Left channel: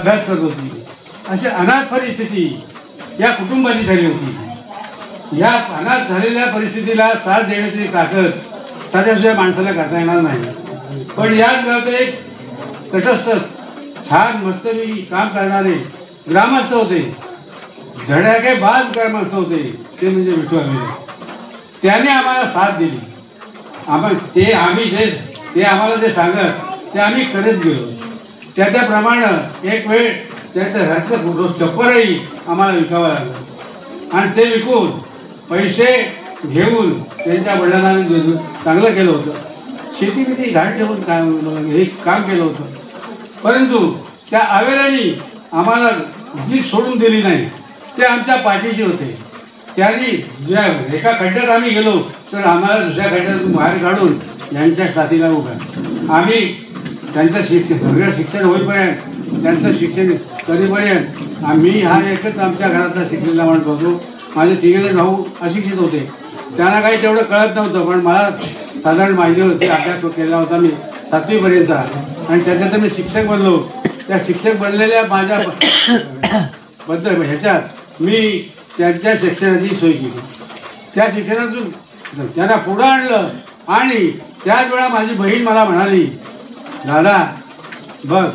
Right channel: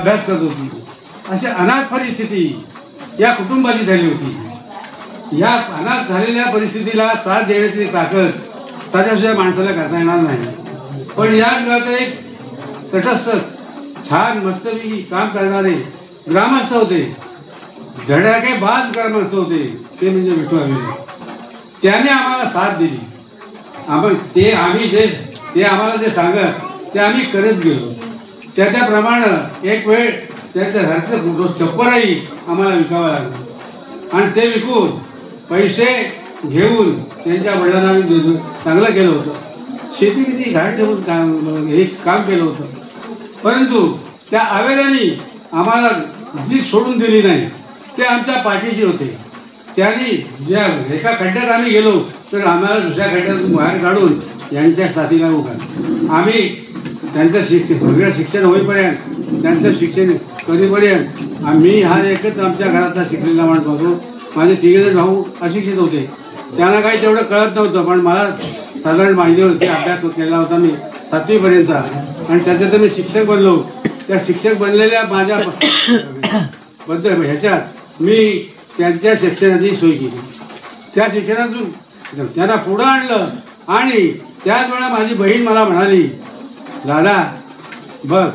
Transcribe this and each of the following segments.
अभ्यास करत होती. अशी अनाथ परिस्थिती या कुटुंबाची झाली होती. या अनाथ झालेल्या परिस्थितीला साथ देण्याची ताकद साध्या सुद्धा माणसाला करता येणार नाही. पण या गावात एक तटस्थ छान मस्तपैकी काम करणारे ग्रामस्थ होते, धडाके बाद ग्रामस्थ होते, ते म्हणजे विठू आम्ही. त्याने आम्हाला साथ दिली. ते आम्हाला जे सांगत ते आम्ही करत गेलो. त्याप्रमाणे एक वेळ त्याचं घरातलं चप्पलही आम्हाला विकावं लागलं आणि ते विकून पैसे घेऊन त्यांच्या वडिलांना आम्ही चांगलं केलं होतं. शेती किती घाट ठेवून हे काम केलं होतं. परंतु त्या आवेऱ्यांनी आम्हाला जी सोडून दिली नाही, ते आमच्या पाठीशी होते. त्यांनी ज्या एका खड्ड्यात आम्ही गेलो तर आम्हाला दुसऱ्या खड्ड्यातून बाहेर काढून यांच्या साथीला उभा. आम्ही त्यांचं सगळं शिक्षण होईपर्यंत, त्यांचं शिक्षण कधीपर्यंत आम्ही हा एकच आमच्या घरातला शिकलेला माणूस होतो. माझे तिघेजण भाऊ अशिक्षित होते, त्यांना काही तेवढं कळत नव्हतं. पण मला साधारण माझ्यावरती अभ्यास केलेला होता मी 7वी पर्यंत आणि त्याच्यात मी शिक्षक बनलो. त्या शिक्षक बनलेल्या माझ्या ह्याच्यात मी त्यांच्या शिक्षणाची सोय केली. त्या शिक्षणातून त्यांना पुढं आणलं आणि त्याच वेळा माझी बहीण मला म्हणाली, दादा बघ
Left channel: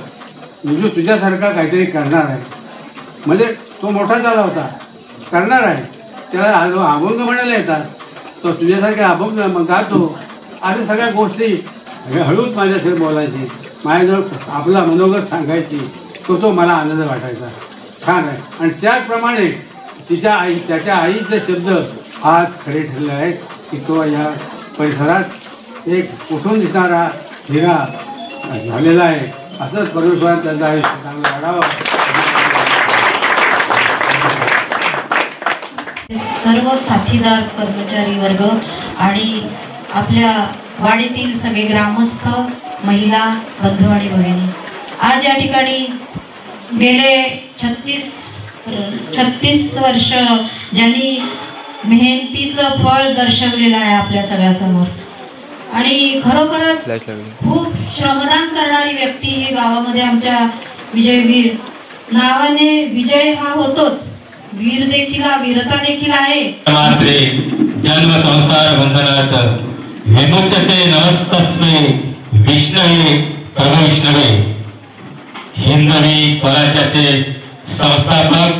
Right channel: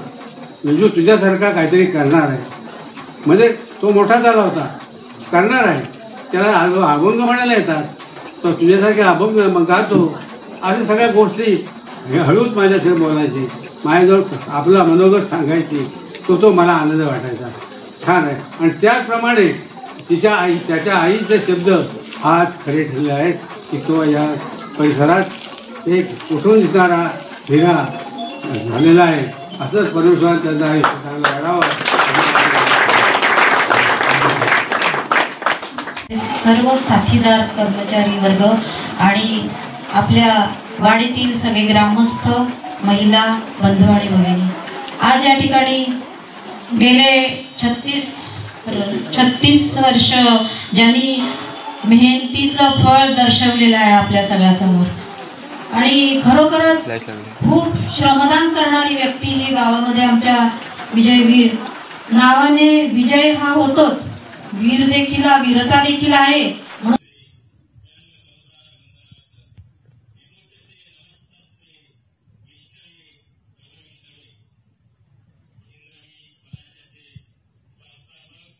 विजू तुझ्यासारखा काहीतरी करणार आहे. म्हणजे तो मोठा झाला होता, करणार आहे, त्याला अभंग म्हणायला येतात, तो तुझ्यासारखे अभंग मग गातो. अशा सगळ्या गोष्टी हळूच माझ्याशी बोलायची, माझ्याजवळ आपला मनोगत सांगायची. तो मला आनंद वाटायचा. छान आहे. आणि त्याचप्रमाणे त्याच्या आईचे शब्द आज खरे ठरले आहेत की तो या परिसरात एक उठून दिसणारा हिरा झालेला आहे. असंच परमेश्वराने त्यांचं आहे चांगलं वाढावं. सर्व साथीदार कर्मचारी वर्ग आणि आपल्या वाडीतील सगळे ग्रामस्थ, महिला, बंधू आणि भगिनी, आज या ठिकाणी गेले 36 वर्ष ज्यांनी मेहनतीचं फळ दर्शवलेलं आहे आपल्या सगळ्यासमोर आणि खरोखरच खूप श्रमदान करणारी व्यक्ती ही गावामध्ये आमच्या विजयवीर नावाने विजय हा होतोच, वीर देखील, वीरता देखील आहे. जन्म संसार बंधनात विमुच्यते नमस्तस्मै विष्णवे प्रभु विष्णवे. हिंदवी स्वराज्याचे संस्थापक,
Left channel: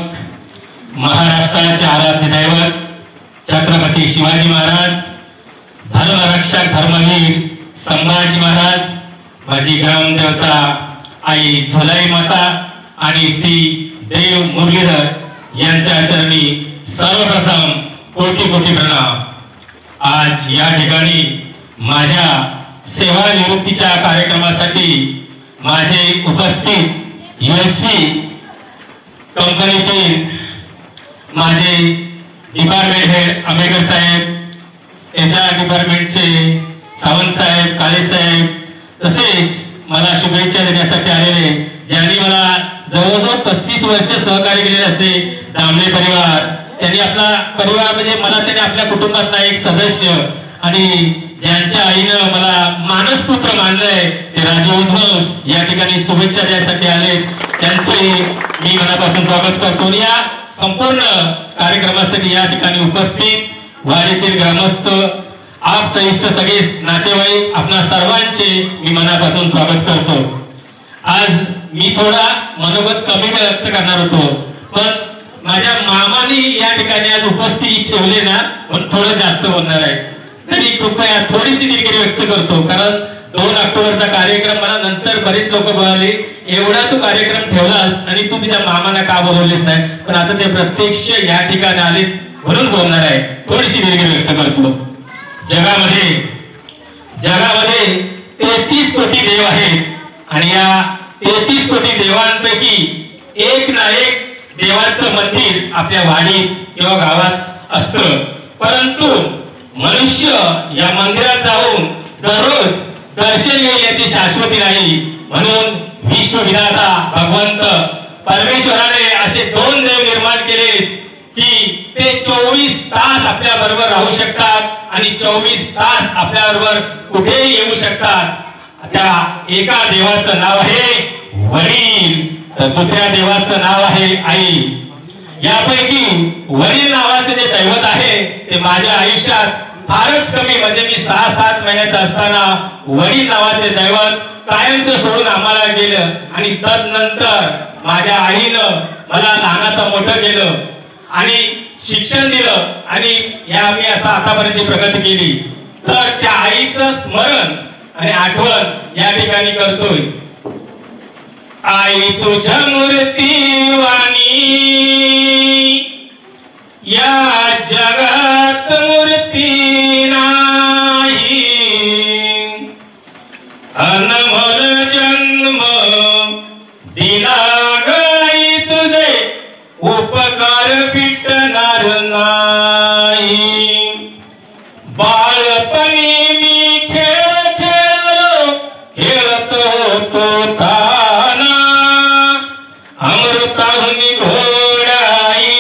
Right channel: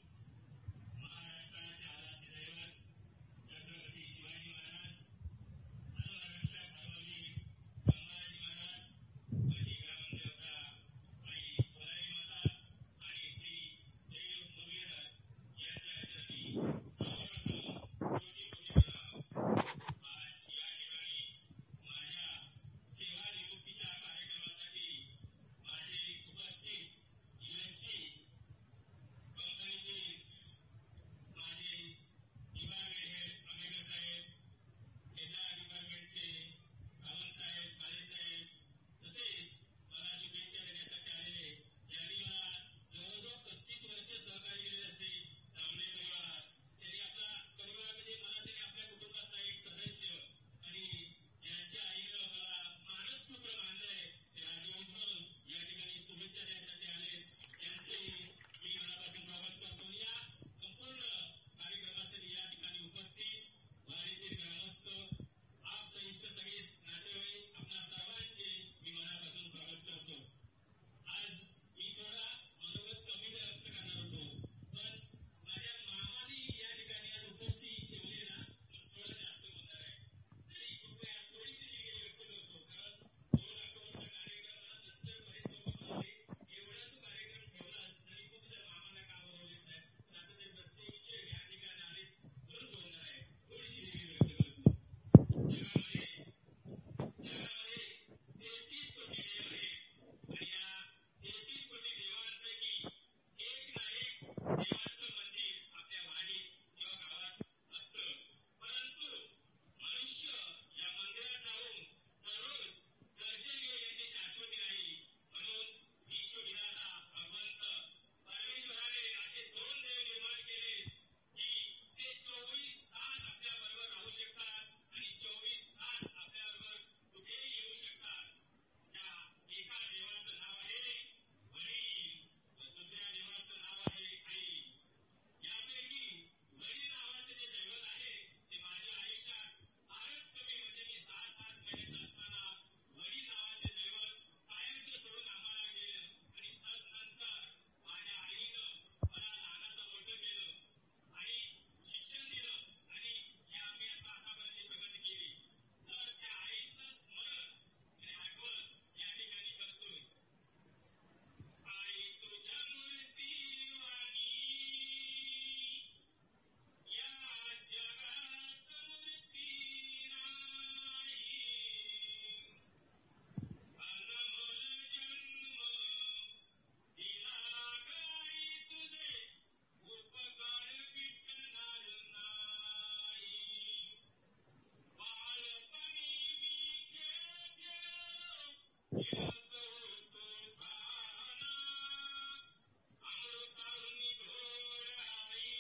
महाराष्ट्राचे आराध्य दैवत छत्रपती शिवाजी महाराज, धर्मरक्षक धर्मवीर संभाजी महाराज, माझी ग्रामदेवता आई झोलाई माता आणि श्री देव मुरलीधर यांच्या चरणी सर्वप्रथम कोटी कोटी प्रणाम. आज या ठिकाणी माझ्या सेवानिवृत्तीच्या कार्यक्रमासाठी माझे उपस्थित USP कंपनीतील माझे डिपार्टमेंट हेड आंबेकर साहेब, HR डिपार्टमेंटचे सावंत साहेब, काळे साहेब, तसेच मला शुभेच्छा देण्यासाठी आलेले ज्यांनी मला जवळजवळ 35 वर्ष सहकार्य केलेले असते, दामले परिवार, त्यांनी आपला परिवार म्हणजे मला त्यांनी आपल्या कुटुंबातला एक सदस्य आणि ज्यांच्या आईनं मला मानसपुत्र मानलंय ते राजीव उद्धव या ठिकाणी शुभेच्छा द्यायसाठी आले. त्यांचे मी मनापासून स्वागत करतो. या संपूर्ण कार्यक्रमासाठी या ठिकाणी उपस्थित वाडीतील ग्रामस्थ, आप इष्ट सगळे नातेवाईक, आपणा सर्वांचे मी मनापासून स्वागत करतो. आज मी थोडा मनोगत कमी व्यक्त करणार होतो, पण माझ्या मामानी या ठिकाणी आज उपस्थिती ठेवले ना, पण थोडं जास्त बोलणार आहे. तरी कृपया थोडीशी दिलगिरी व्यक्त करतो, कारण 2 ऑक्टोबरचा कार्यक्रम मला नंतर बरेच लोक बोलले, एवढा तू कार्यक्रम ठेवलास आणि तू तुझ्या मामांना का बोलवलेस नाही, पण आता ते प्रत्यक्ष या ठिकाणी आले म्हणून बोलणार आहे. थोडीशी दिलगिरी व्यक्त करतो. जगामध्ये 33 कोटी देव आहेत आणि या 33 कोटी देवांपैकी एक ना एक देवाचं मंदिर आपल्या वाडीत किंवा गावात असतं. परंतु मनुष्य या मंदिरात जाऊन दररोज दर्शन घेईल याची शाश्वती नाही. म्हणून विश्वविधाता भगवंत परमेश्वराने असे 2 देव निर्माण केले की ते 24 तास आपल्या बरोबर राहू शकतात आणि 24 तास आपल्या बरोबर कुठेही येऊ शकतात. त्या एका देवाचं नाव आहे वडील तर दुसऱ्या देवाचं नाव आहे आई. यापैकी वडील नावाचे जे दैवत आहे ते माझ्या आयुष्यात फारच कमी, म्हणजे मी 6-7 महिन्याचा असताना वडील नावाचे दैवत कायमचं सोडून आम्हाला गेलं. आणि तदनंतर माझ्या आईनं मला लहानाचं मोठं केलं आणि शिक्षण दिलं आणि या मी असं आतापर्यंत प्रगती केली. तर त्या आईचं स्मरण आणि आठवण या ठिकाणी करतोय. आई तुझ्या मूर्ती वाणी या जगात मूर्ती नाही, अनमोल जन्म दिला गाई तुझे उपकार फिटणार नाही. बाळपणी मी खेळ खेळलो खेळत होतो ताना, अमृताहून घोडाई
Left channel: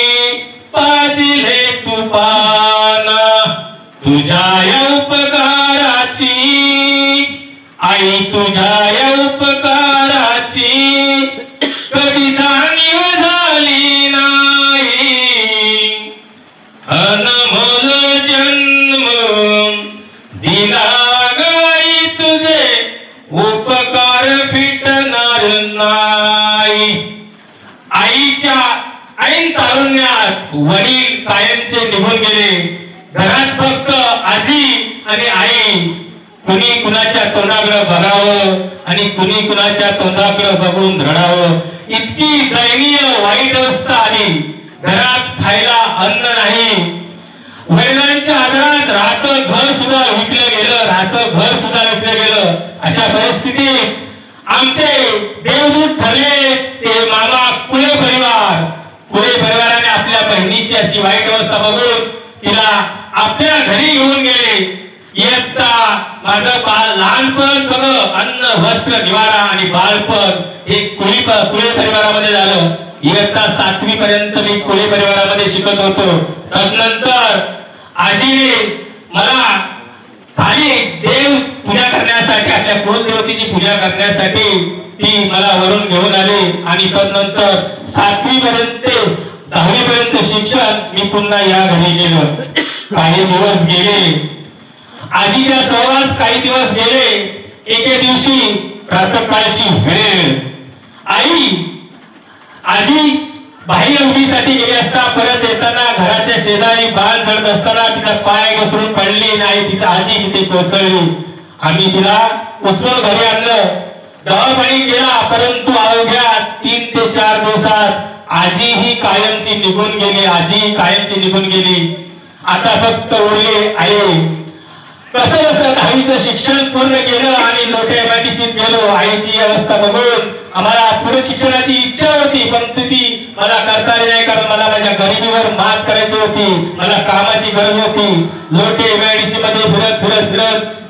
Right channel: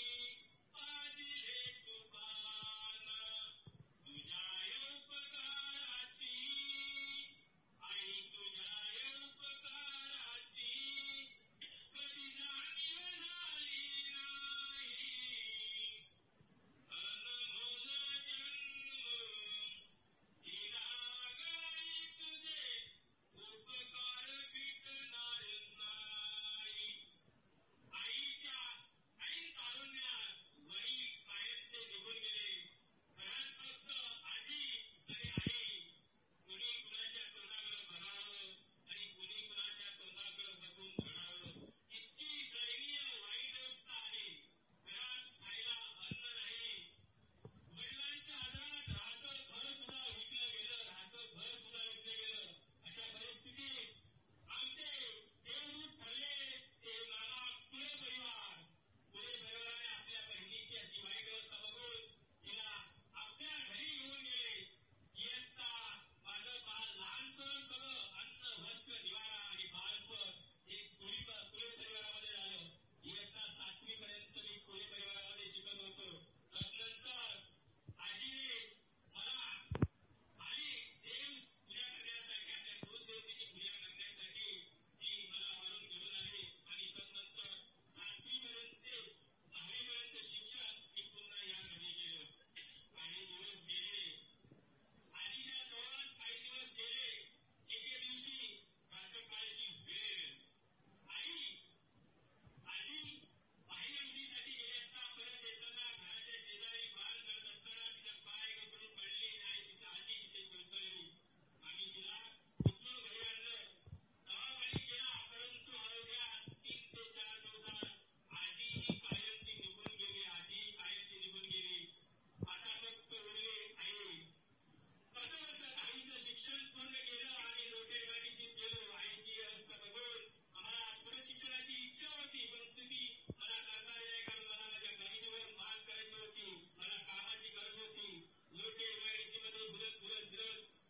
पाजिले तू पाना. तुझ्या या उपकाराची आई, तुझ्या या उपकाराची कधी जाणीव झाली नाही. अनमोल जन्म दिला गाई तुझे उपकार फिटणार नाही. आईच्या ऐन तारुण्यात वडील कायमचे निघून गेले. घरात फक्त आजी आणि आई. कुणी कुणाच्या तोंडाकडे बघावं आणि कुणी कुणाच्या तोंडाकडे बघून रडावं, इतकी दयनीय वाईट अवस्था आली. घरात खायला अन्न नाही. वडिलांच्या आदरात राहतं घर सुद्धा विकलं गेलं, राहतं घर सुद्धा विकलं गेलं. अशा परिस्थितीत आमचे देवदूत ठरले ते मामा कुळे परिवार. कुळे परिवाराने आपल्या बहिणीची अशी वाईट अवस्था बघून तिला आपल्या घरी घेऊन गेले. इयत्ता माझं लहानपण सगळं अन्न वस्त्र निवारा आणि बाळपण हे कुळे परिवारामध्ये झालं. इयत्ता 7वी पर्यंत मी कुळे परिवारामध्ये शिकत होतो. तदनंतर आजीने मला खाली देव पूजा करण्यासाठी, आपल्या कुलदेवतेची पूजा करण्यासाठी ती मला वरून घेऊन आली. आणि तदनंतर 7वी पर्यंत 10वी पर्यंत शिक्षण मी पुन्हा या घरी गेलो. काही दिवस गेले, आजीच्या सहवास काही दिवस गेले. एके दिवशी प्रातःकाळची वेळ, आजी बाह्य उडीसाठी गेली असता परत येताना घराच्या शेजारी बाळ चढत असताना तिचा पाय घसरून पडली नाही. तिचा आजी तिथे कोसळली. आम्ही तिला उचलून घरी आणलं. दवाखान्यात गेला, परंतु अवघ्या 3 ते 4 दिवसात आजी ही कायमची निघून गेली. आजी कायमची निघून गेली. आता फक्त उरले आई. कसं कसं 10वीचं शिक्षण पूर्ण केलं आणि लोटे MIDCत गेलो. आईची अवस्था बघून आम्हाला पुढे शिक्षणाची इच्छा होती, परंतु ती मला करता आली नाही, कारण मला माझ्या गरिबीवर मात करायची होती. मला कामाची गरज होती. लोटे MIDC मध्ये फिरत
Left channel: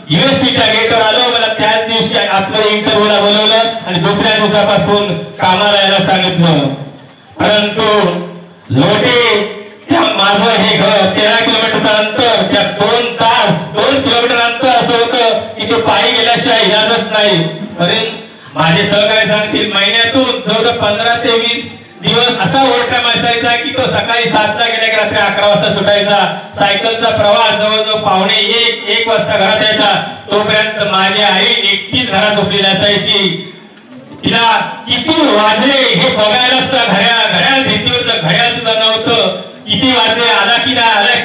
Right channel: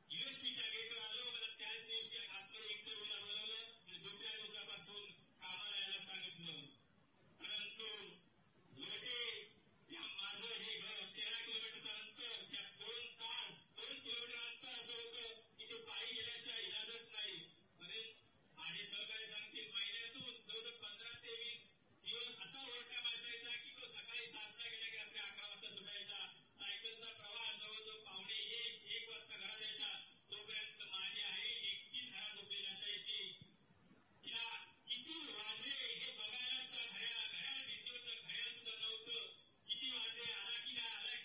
युनिव्हर्सिटीच्या गेटवर आलो. मला त्याच दिवशी आतमध्ये इंटरव्ह्यूला बोलवलं आणि दुसऱ्या दिवसापासून कामाला यायला सांगितलं. परंतु लोटे माझं हे घर 13 किलोमीटरचं अंतर, त्या 2 किलोमीटर अंतर असं होतं की ते पायी गेल्याशिवाय इलाजच नाही. माझे सहकारी सांगतील महिन्यातून जवळजवळ 15 ते 20 दिवस असा ओव्हरटाईम असायचा की तो सकाळी 7ला गेला की रात्री 11 वाजता सुटायचा. सायकलचा प्रवास जवळजवळ पावणे 1 वाजता घरात यायचा. तोपर्यंत माझी आई एकटीच घरात झोपलेली असायची. तिला किती वाजले हे बघायला सुद्धा घड्याळ भिंतीवरचं घड्याळ सुद्धा नव्हतं. किती वाजले, आला की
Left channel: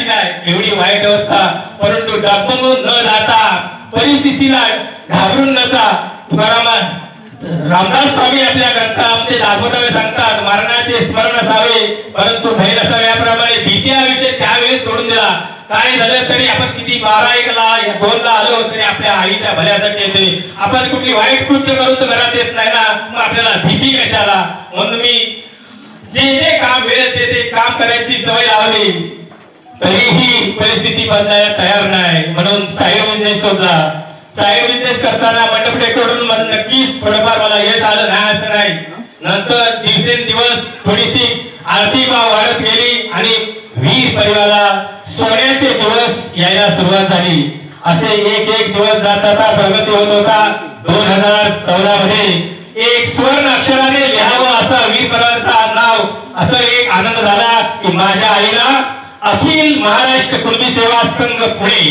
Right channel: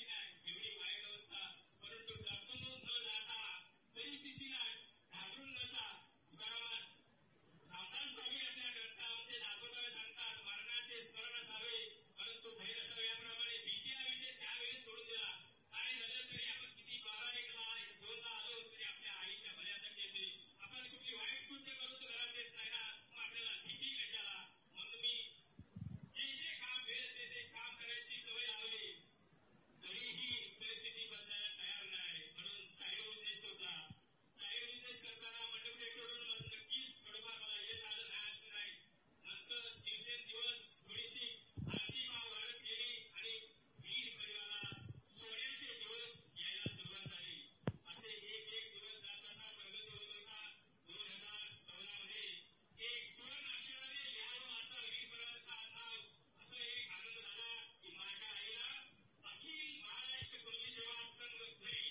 नाही, एवढी वाईट अवस्था. परंतु डगमगून न जाता, परिस्थितीला घाबरून न जा, तुकाराम रामदास स्वामी आपल्या ग्रंथामध्ये दाखवताना सांगतात, मरणाचे स्मरण असावे परंतु भय नसावे. याप्रमाणे भीती हा विषय त्यावेळेस सोडून दिला. काय झालं तरी आपण किती 12-1ला 2ला आलो तरी आपल्या आईच्या भल्यासाठी येते. आपण कुठली वाईट कृत्य करू तर घरात येत नाही ना, मग आपल्याला भीती कशाला. म्हणून मी जे काम वेळ ते काम करायची सवय लावली, तरीही परिस्थिती बदलायला तयार नाही. म्हणून साहेब बिझनेस शोधला. साहेब बिझनेस करताना मंडप डेकोरेशन नक्कीच थोडंफार मला यश आलं नाही असं नाही. नंतर दिवसेंदिवस थोडीशी आर्थिक वाढ वाढत गेली आणि वीर परिवाराला सोन्याचे दिवस यायला सुरुवात झाली. असे एक दिवस जात प्रगती होत होता. 2014 मध्ये एक स्वर्ण अक्षराने लिहावं असं वीर परवांचं नाव, असं एक आनंद झाला की माझ्या आईला अखिल महाराष्ट्र कुणबी सेवा संघ पुणे,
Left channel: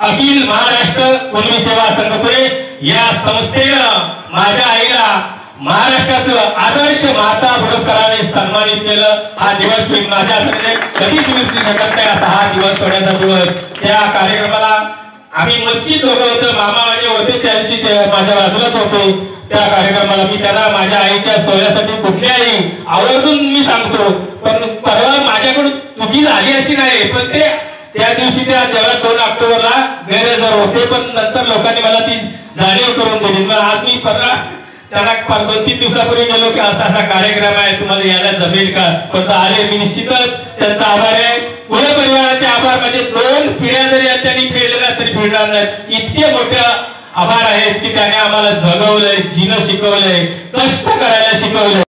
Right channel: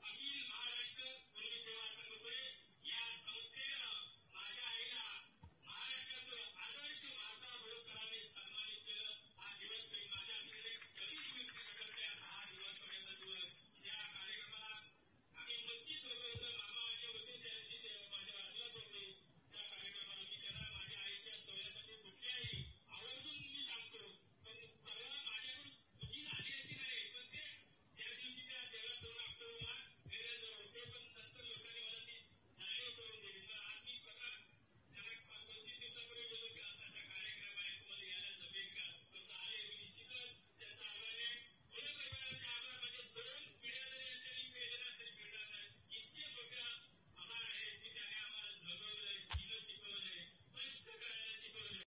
अखिल महाराष्ट्र कुणबी सेवा संघ पुणे या संस्थेनं माझ्या आईला महाराष्ट्राचं आदर्श माता पुरस्काराने सन्मानित केलं. हा दिवस मी माझ्या कधीच विसरू शकत नाही, असा हा दिवस सोहळ्याचा दिवस. त्या कार्यक्रमाला आम्ही मस्जिद लोक होतो, मामा म्हणजे होते त्या दिवशी माझ्या बाजूलाच होते. त्या कार्यक्रमाला मी त्यांना माझ्या आईच्या सोहळ्यासाठी कुठल्याही आवर्जून मी सांगतो, पण परवा माझ्याकडून चुकी झाली अशी नाही, पण ते त्या दिवशी त्या देवळात 2 ऑक्टोबरला गैरहजर होते, पण नंतर लोकांनी मला ती जाणीव करून दिली. मग आज मी परवा त्यांना 2-3 दिवसापूर्वी गेलो की असा असा कार्यक्रम आहे, तुम्हाला यायला जमेल का, पण आले. मी निश्चितच त्यांचा आभार आहे. पुणे परिवाराचे आभार, म्हणजे 2 पिढ्या जरी त्यांनी फेडलेल्या तरी फेडणार नाहीत, इतके मोठे आभार आहेत की त्याने आम्हाला जगवलंय, जीणं शिकवलंय, कष्ट करायला शिकवलंय.